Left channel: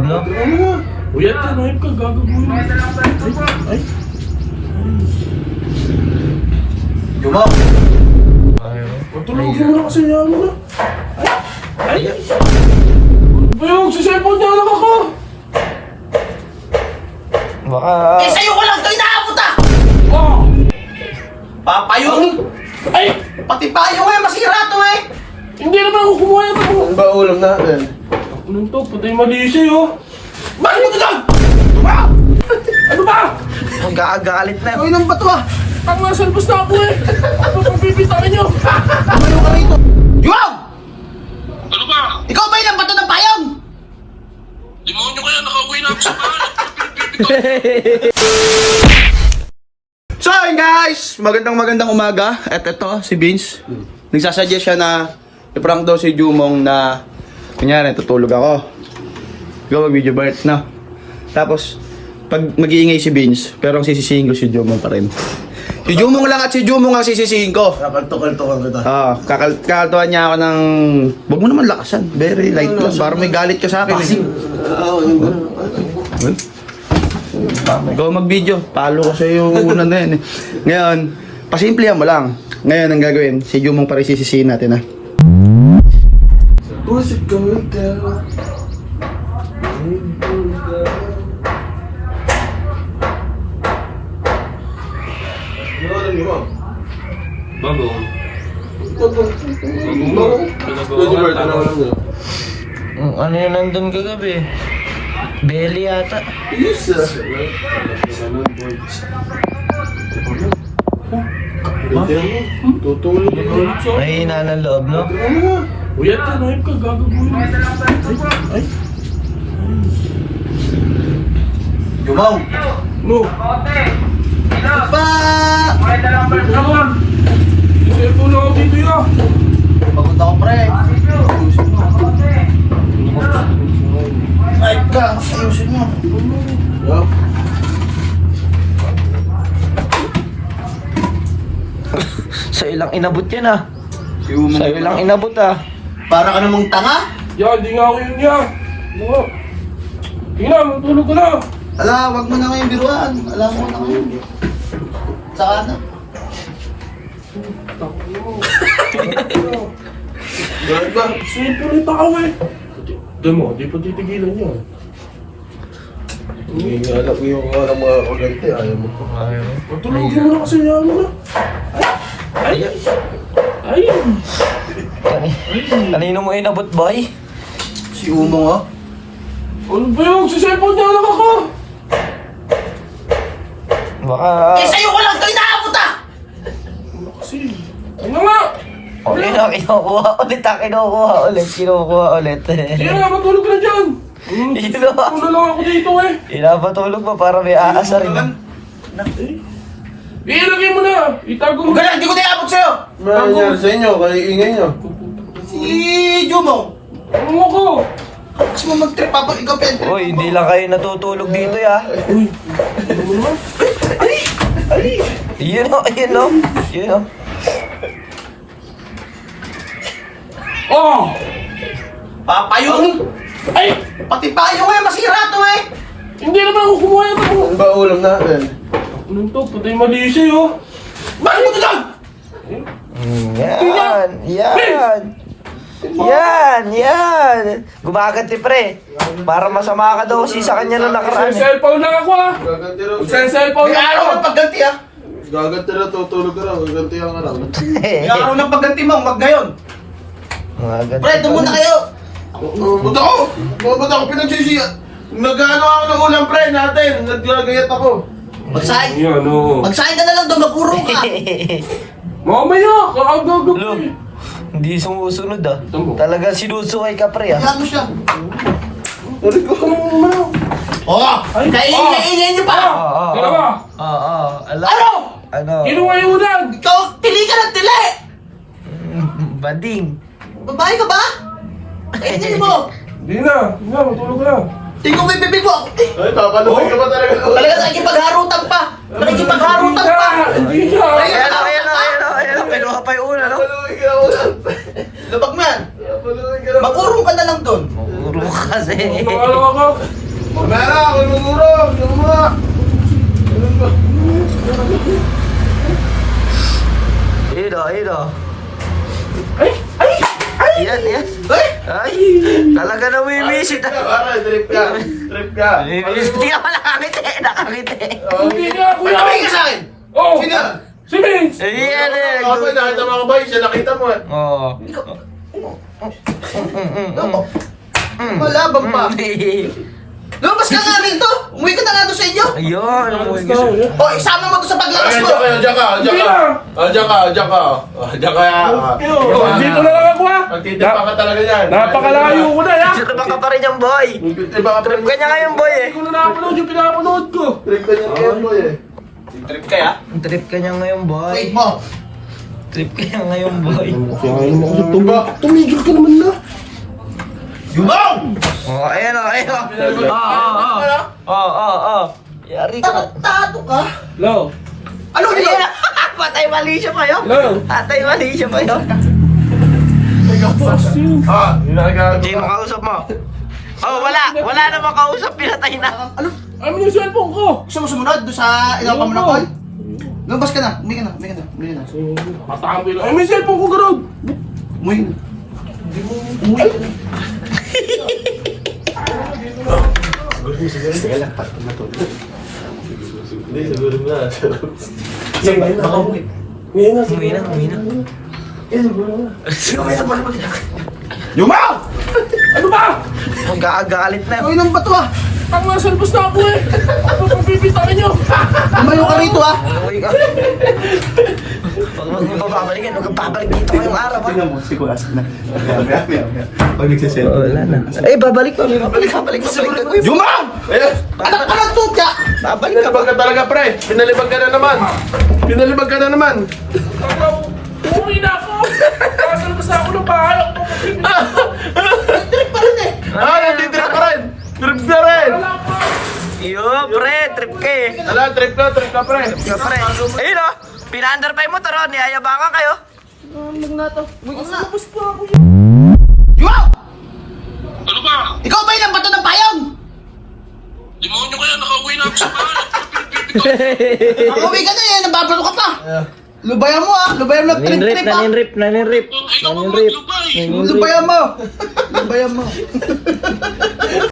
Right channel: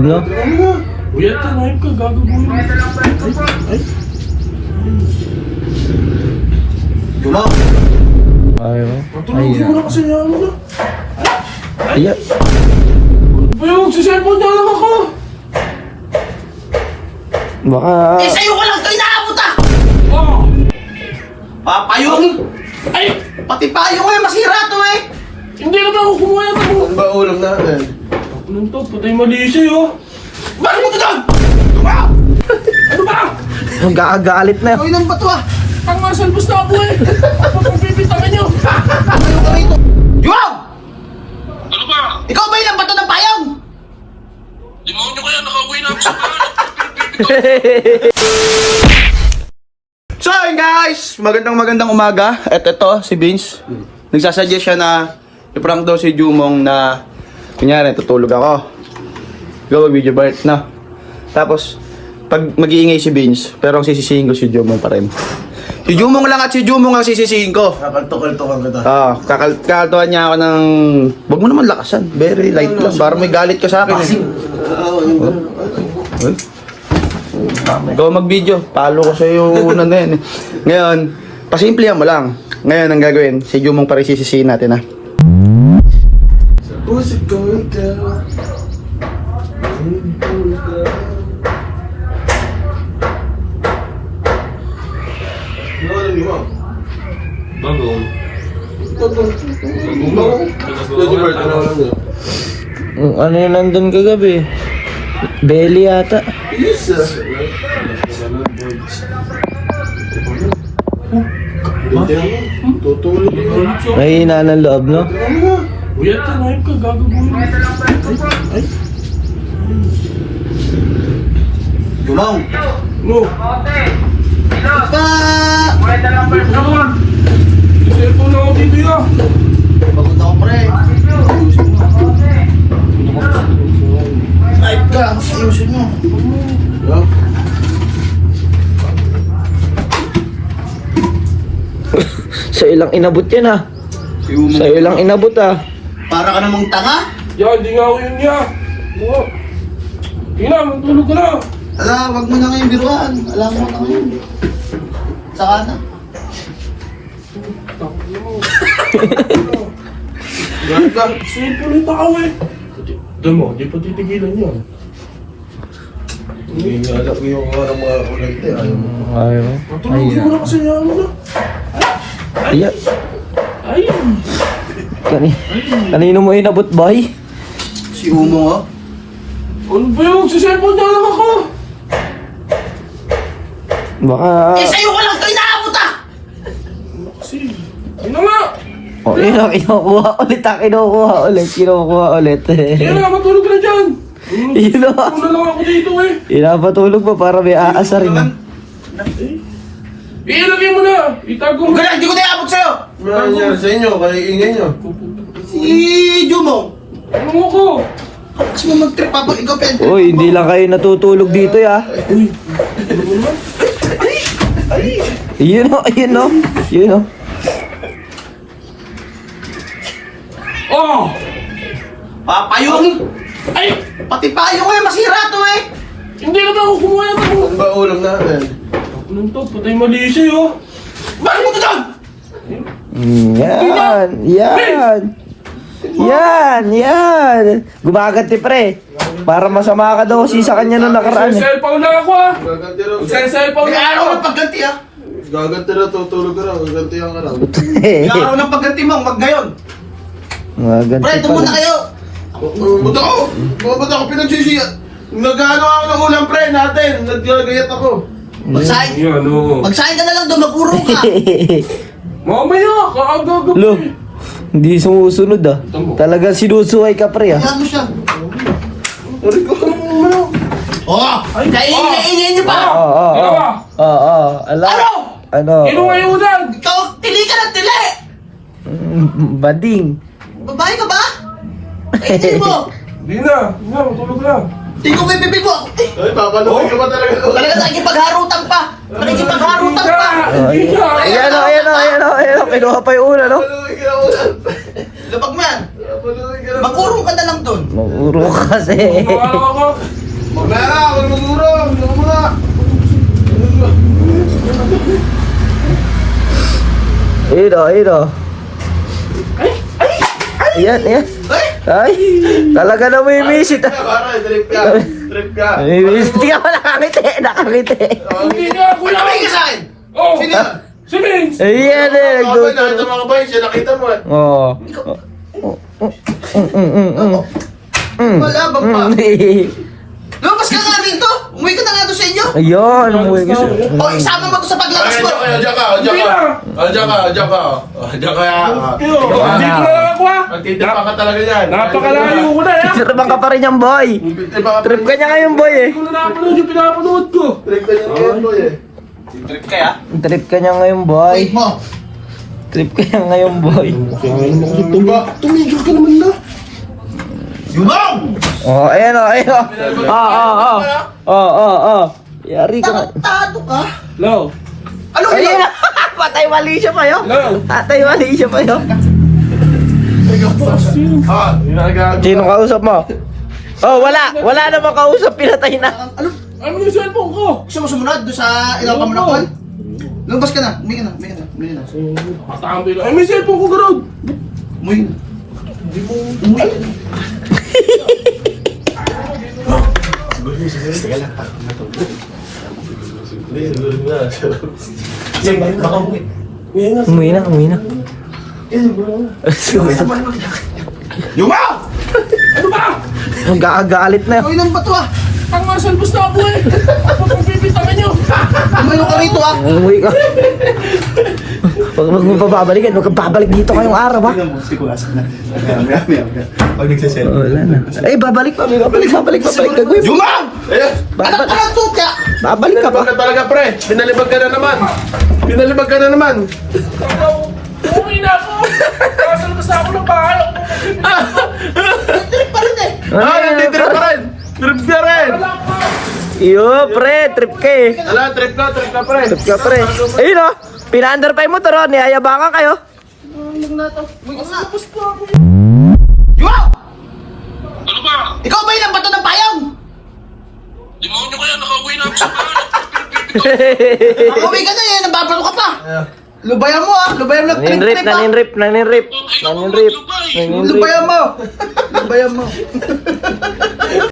Ano? Uy, ito, nahin ka, gagawin mo. Ay. Yulo! Ayaw. Matulog mo na kasi yan, ano? Ay. Uy, magsiselfon na lang ako. Baka... Eh, sa'yo ko lang ito inaabot ah! Ah. Papayong! Ay! Pati payong eh, masira to eh! Hindi naman ako kumuha yan ako. Ano ba ulam natin? Anong to? Patay malisi, oh. Bakit mo ito doon? Ano ba? Gagalit na. Uy, nang bato ah! Tang masalbos na ako eh. Ano pagpipintangan niyo? Yulo! Ano ba? Ikaw ba yung bato ng payong? Demonyo kaya nakauwi na ako sa bahay. So ayun guys, magandang umaga. At ito, si Vince. Nagsasuggest siya na i-prank daw si Jumong na kunyari, tutulog ako. Gawa video Bart na. Tapos, pag mag-iingay si Vince, pero ang sisisihin ko si Jumong pa rin. Si Jumong lang at si Jumong ang sisisihin ko. Kakalto-kalto kita. Kakaltuhan niya ako ng... Wag mo naman lakasan. Very light lang. Para may galit ka sa akin. Ikaw mag-video. Talo ko sa'yo na din. Ngayon, pasimplihan mo lang. Ngayon, ang gagawin, si Jumong pa rin sisisihin natin, ha? Pusit ka, Bagong. Ano yung nandun kagabi? Belly yata. Tutulog yun. May hina ng loob, no? Uy, ito, nahin ka, gagawin mo. Ay. Jumong! No. Pa! Naman. Cellphone na ako dito yan. Papunta ko pre. Ay ka, ayusin mo. Sa ilang inabot yan, ah. Sa ilang inabot, ah. Para ka namang tanga? Yan, di nga ako yun niya. Ano? Tingnan, matulog ko na. Ala, wag mo na ngayong biruan. Alam mo na ngayon. Saka na. Ganun ka. Cellphone yung tao eh. Doon mo, di pa titigilan niya. Hindi alam yung mga kuryente. Ayaw mo. Ayaw. Matulog mo na kasi yan, ano? Ay. Ay. Kanino mo inabot, boy? Si Umong oh. Ano ba yung magsiselfon na lang ako? Baka... Eh, sa'yo ko lang ito inaabot ah! Kasi, ano nga? Oh, kinukuha ulit, ah. Kinukuha ulit. Kaya nga, matulog na dyan. Yun, oh. Ano lang ako dito eh. Pinapatulog pa para may aasa rin. Ilagay mo na. Itago mo. Huwag ka na, hindi ko na iabot sa'yo! Meron sa inyo, kaya ingay nyo. Si Jumong! Ano mo ko? Kasi mo mag-trip pa ikaw pwede. Uy, hindi lang kayo natutulog dito, ya. Yun, oh. Yun, oh. Yun, oh. Oh! Papayong! Ay! Pati payong eh, masira to eh! Hindi naman ako kumuha yan ako. Ano ba ulam natin? Anong to? Patay malisi, oh. Bakit mo ito doon? Yan. Yan. Yan. Gumaganti, pre. Para masama ka daw si sa kanya nung nakaraan, eh. Cellphone lang ako ah. Gaganti raw. Cellphone May lang araw ako. ng pagganti ah! Gaganti raw, tutulog ka raw. Gaganti ang araw. May araw ng pagganti mo, wag ngayon! Gumaganti. Pre, tumunta kayo! Ba't ako pinagsisiya? Nag-ano ako ng ulam pre natin. Naggagayat ako. Magsahin! Yan, oh. Magsahin ka na lang doon, magpurong ka! Mamaya, kaagago Lo, eh. hindi sumusunod, ah. Talagang sinusuway ka, pre, ah. Gago siya! Tari ko. Oo! Kaingay niyo pa! Oo. Dalawa. Oo. Ano? Ano? Kinuha yung ulan. Ikaw, tili ka ng tili! Bading. Babae ka ba? Kainin mo! Hindi na. Matulog na. Tingnan mo yung bibig ko! Ay, papaluin ka ba talaga? Talaga nakikipagharutan pa! Nakikipagharutan pa! Hindi na. Ayan, oh. Kinuha pa yung una, no? Papaluin ka ulam. Labag mo yan! Papaluin ka. Mag-urong ka na lang doon. Maguro kasi. Pawala ako. Mamaya, ako nagurong. Mamaya. Ayun o. Ayan. Ay, talaga na may visit. Trip ka. May visit ka pa, nakangiti. Hindi nga, kuya. Tumingin ka sa akin. Oh, Sino? si Vince. Ayan eh, Ako ba, nakita mo ba yun? Siya nakita mo eh. Oo. Malabang pa. Lumabas ka nga dito. Umuwi ka na nga doon sa inyo. Ayun, umuwi ka. O, isama mo doon sa paglabas mo. Diyan ka. Dito na lang ako, ha. Magtitipa ka talaga yan. Napakalayo ko na, ya. Sirabang ka pa rin yung boy. Trip ka niya ngayon, boy. Hindi ko na napanood yung pinapanood ko. Trip ka niya ngayon, boy eh. Trip ka niya ngayon, boy. Wait mo. Trip ka niya ngayon, boy. Tumigil ka naman na. Yumang! Oh, ayan o. Yari ka. Tarantado ka. Hello. Ano Ayun yun? na. Patay mali siya pa yun. Hello. Patay mali siya pa yun. Ginagago. Sino kausap mo? Oh, wala. Wala namang kausap. Pinatay na. Ano? Ano yung cellphone ko? Gusto mo sumunod doon sa ilaw pa mo na call? Lumabas ka na. Umuwi ka na. Katamboy lang. Ay, may cellphone ko, Garod. Umuwi na. Umuwi na. Yumang! Ano ba? Gagalit na. Uy, lang ba to ah? Ang nasa albus na ako, eh. Ano pipintangin nyo? Umayo ka rito ah. Umuwi ka. Huwag mo babalikan. Huwag kang babalik dito ngayong araw, ha? Wala na. Eh, babalik pa. Babalik ka. Gawin. Yumang! Ayan! Anak ka lang to ka. Babalik ka Pinalibag ba? ka talaga, pre. Pinalibag ka na naman. Umuwi na ako. Nasa labas na ako ng bahay. Trip pa rin eh. Nagtitrip ka rin. Trip ka rin. Yo, pre. Trip ka eh. Wala, trip ka, pre. Trip ka, pre. Ayun o. Pina-under pa yung motor o. Niyayabangan kayo. Ano ba? Ikaw ba yung bato ng payong? Demonyo kaya nakauwi na ako sa bahay. Uwi ka na eh. Nababalo ka pa. Lubayan mo ah. Lubayan mo. Naninrip. Ay, naku, maglubay. Lubayan mo.